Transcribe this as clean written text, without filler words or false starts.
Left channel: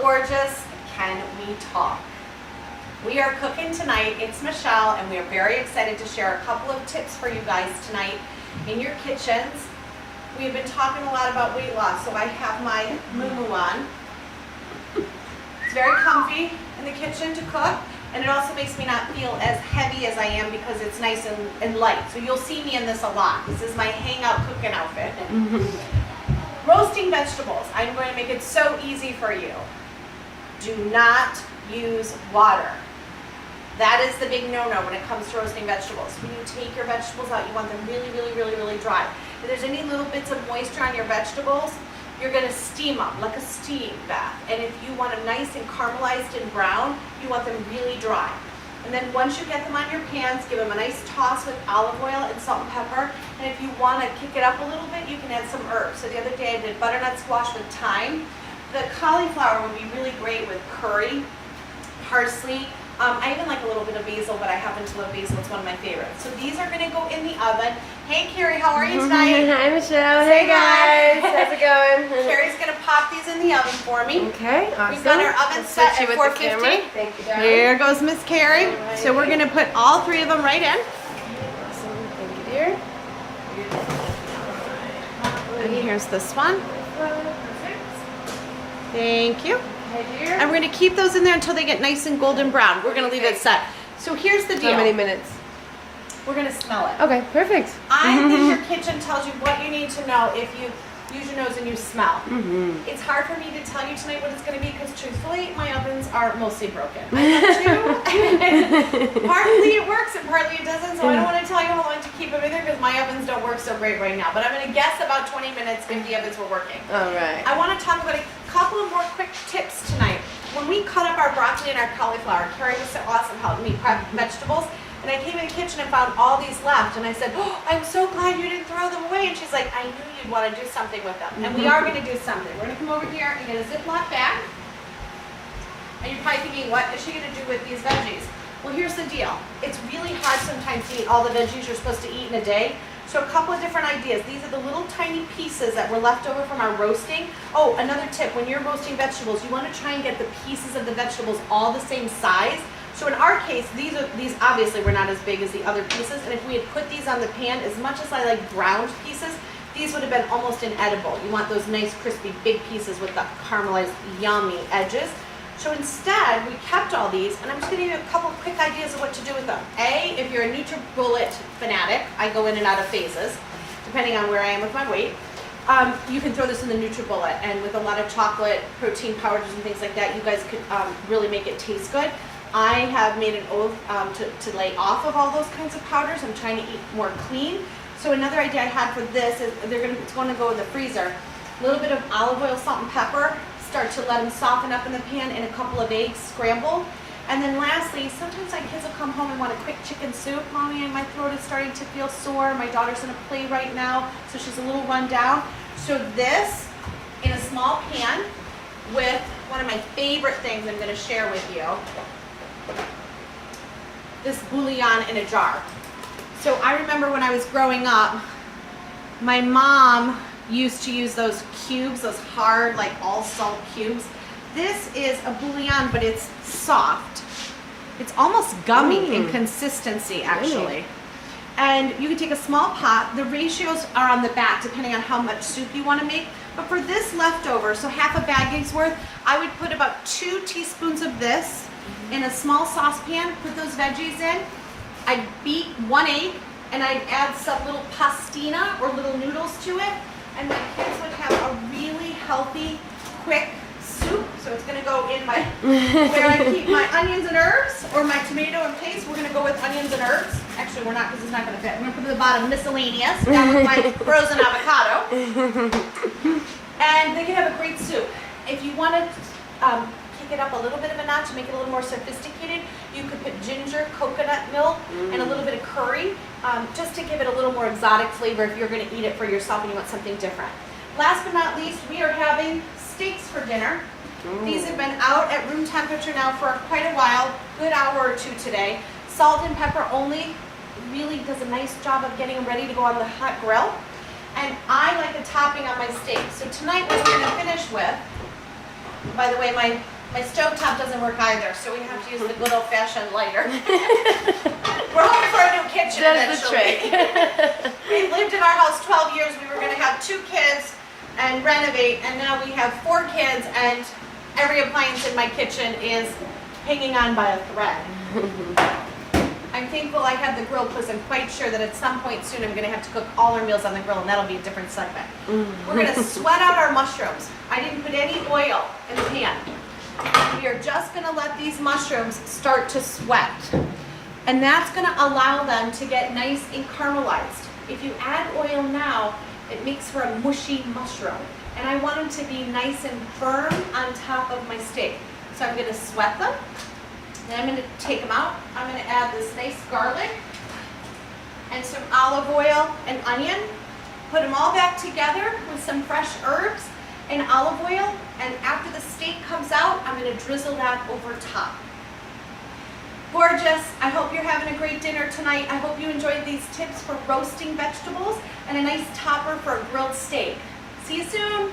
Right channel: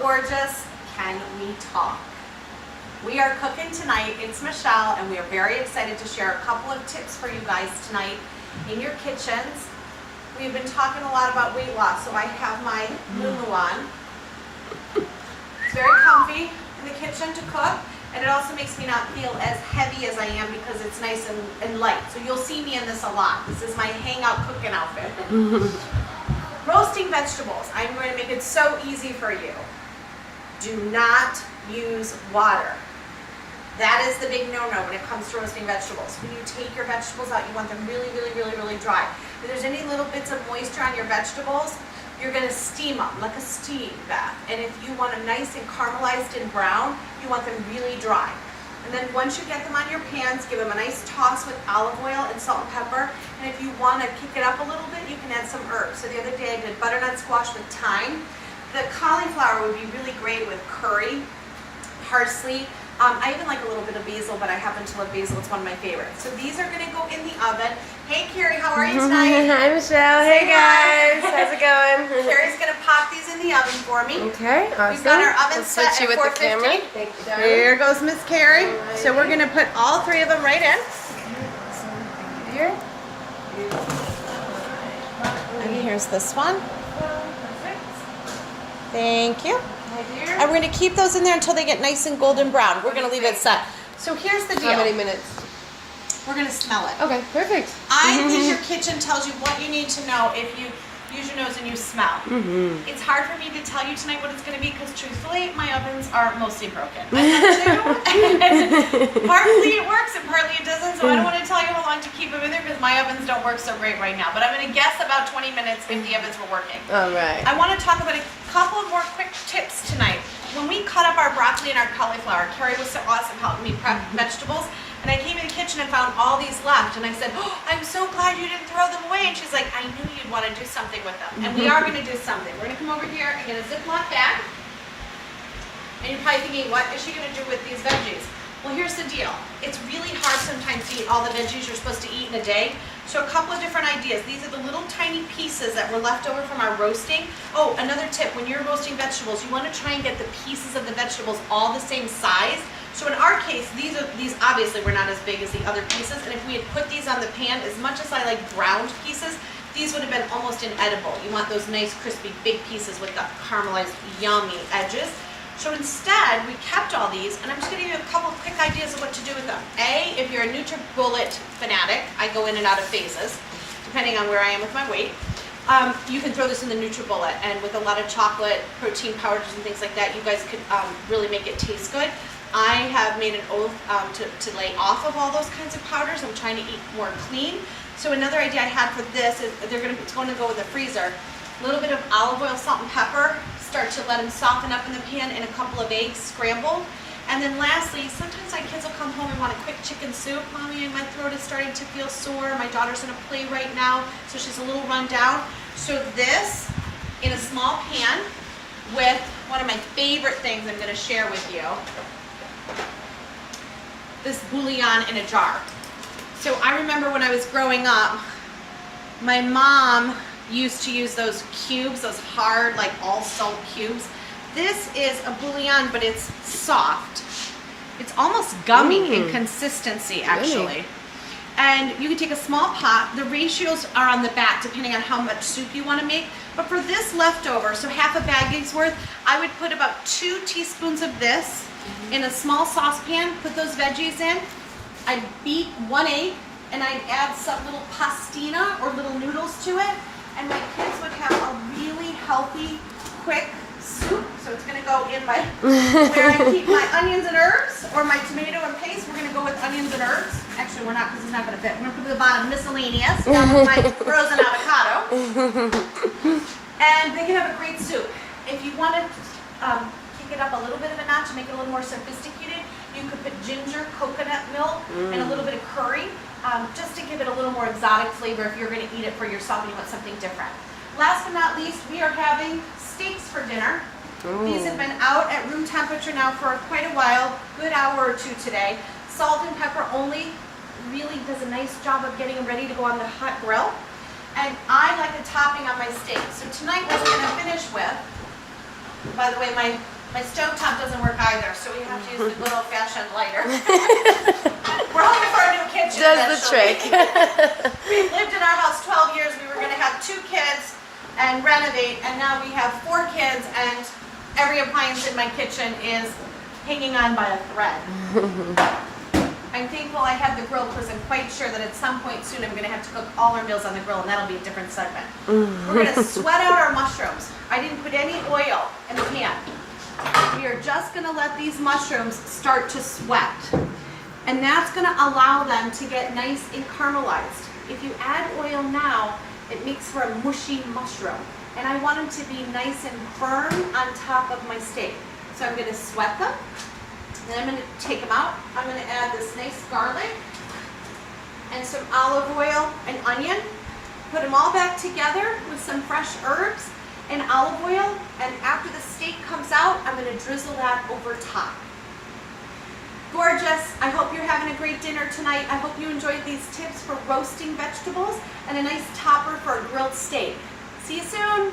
gorgeous, can we talk? We are cooking tonight. It's Michelle, and we are very excited to share a couple of tips for you guys tonight in your kitchens. We've been talking a lot about weight loss, so I have my muumuu on. It's very comfy in the kitchen to cook, and it also makes me not feel as heavy as I am because it's nice and light. So you'll see me in this a lot. This is my hangout cooking outfit. Roasting vegetables. I'm going to make it so easy for you. Do not use water. That is the big no-no when it comes to roasting vegetables. When you take your vegetables out, you want them really, really, really, really dry. If there's any little bits of moisture on your vegetables, you're going to steam them like a steam bath. And if you want them nice and caramelized and brown, you want them really dry. And then once you get them on your pans, give them a nice toss with olive oil and salt and pepper. And if you want to kick it up a little bit, you can add some herbs. So the other day I did butternut squash with thyme. The cauliflower would be really great with curry, parsley. I even like a little bit of basil, but I happen to love basil. It's one of my favorites. So these are going to go in the oven. Hey, Carrie, how are you tonight? Hi, Michelle. Hey, guys. How's it going? Carrie's going to pop these in the oven for me. Okay, awesome. We've got our oven set at 450. Thank you, darling. Here goes Miss Carrie. Right. So we're going to put all three of them right in. Awesome. Thank you, dear. And here's this one. Perfect. Thank you. Right here. And we're going to keep those in there until they get nice and golden brown. We're going to leave it set. So here's the deal. How many minutes? We're going to smell it. Okay, perfect. I think your kitchen tells you what you need to know if you use your nose and you smell. It's hard for me to tell you tonight what it's going to be because truthfully, my ovens are mostly broken. I have two. Partly it works and partly it doesn't, so I don't want to tell you how long to keep them in there because my ovens don't work so great right now. But I'm going to guess about 20 minutes if the ovens were working. All right. I want to talk about a couple of more quick tips tonight. When we cut up our broccoli and our cauliflower, Carrie was so awesome helping me prep vegetables. And I came in the kitchen and found all these left. And I said, oh, I'm so glad you didn't throw them away. And she's like, I knew you'd want to do something with them. And we are going to do something. We're going to come over here and get a Ziploc bag. And you're probably thinking, what is she going to do with these veggies? Well, here's the deal. It's really hard sometimes to eat all the veggies you're supposed to eat in a day. So a couple of different ideas. These are the little tiny pieces that were left over from our roasting. Oh, another tip. When you're roasting vegetables, you want to try and get the pieces of the vegetables all the same size. So in our case, these obviously were not as big as the other pieces, and if we had put these on the pan, as much as I like browned pieces, these would have been almost inedible. You want those nice, crispy, big pieces with the caramelized, yummy edges. So instead, we kept all these, and I'm just going to give you a couple quick ideas of what to do with them. A, if you're a NutriBullet fanatic, I go in and out of phases, depending on where I am with my weight. You can throw this in the NutriBullet, and with a lot of chocolate, protein powders, and things like that, you guys could really make it taste good. I have made an oath to lay off of all those kinds of powders. I'm trying to eat more clean. So another idea I had for this is it's going to go in the freezer. A little bit of olive oil, salt, and pepper. Start to let them soften up in the pan, and a couple of eggs scrambled. And then lastly, sometimes my kids will come home and want a quick chicken soup. Mommy, my throat is starting to feel sore. My daughter's in a play right now, so she's a little run down. So this in a small pan with one of my favorite things I'm going to share with you. This bouillon in a jar. So I remember when I was growing up, my mom used to use those cubes, those hard, like all salt cubes. This is a bouillon, but it's soft. It's almost gummy in consistency, actually. And you can take a small pot. The ratios are on the back, depending on how much soup you want to make. But for this leftover, so half a bag's worth, I would put about 2 teaspoons of this in a small saucepan, put those veggies in. I'd beat 1 egg, and I'd add some little pastina or little noodles to it, and my kids would have a really healthy, quick soup. So it's going to go in my, where I keep my onions and herbs, or my tomato and paste, we're going to go with onions and herbs. Actually, we're not, because it's not going to fit. We're going to put it at the bottom, miscellaneous, down with my frozen avocado. And they can have a great soup. If you want to kick it up a little bit of a notch, make it a little more sophisticated, you could put ginger, coconut milk, and a little bit of curry, just to give it a little more exotic flavor if you're going to eat it for yourself and you want something different. Last but not least, we are having steaks for dinner. These have been out at room temperature now for quite a while, good hour or two today. Salt and pepper only really does a nice job of getting them ready to go on the hot grill. And I like a topping on my steak. So tonight what we're going to finish with By the way, my stovetop doesn't work either, so we have to use the good old-fashioned lighter. We're hoping for a new kitchen Does the eventually. trick. We've lived in our house 12 years. We were going to have 2 kids and renovate, and now we have 4 kids, and every appliance in my kitchen is hanging on by a thread. I'm thankful I have the grill because I'm quite sure that at some point soon I'm going to have to cook all our meals on the grill, and that'll be a different segment. We're going to sweat out our mushrooms. I didn't put any oil in the pan. We are just going to let these mushrooms start to sweat. And that's going to allow them to get nice and caramelized. If you add oil now, it makes for a mushy mushroom. And I want them to be nice and firm on top of my steak. So I'm going to sweat them. Then I'm going to take them out. I'm going to add this nice garlic and some olive oil and onion. Put them all back together with some fresh herbs and olive oil. And after the steak comes out, I'm going to drizzle that over top. Gorgeous. I hope you're having a great dinner tonight. I hope you enjoyed these tips for roasting vegetables and a nice topper for a grilled steak. See you soon.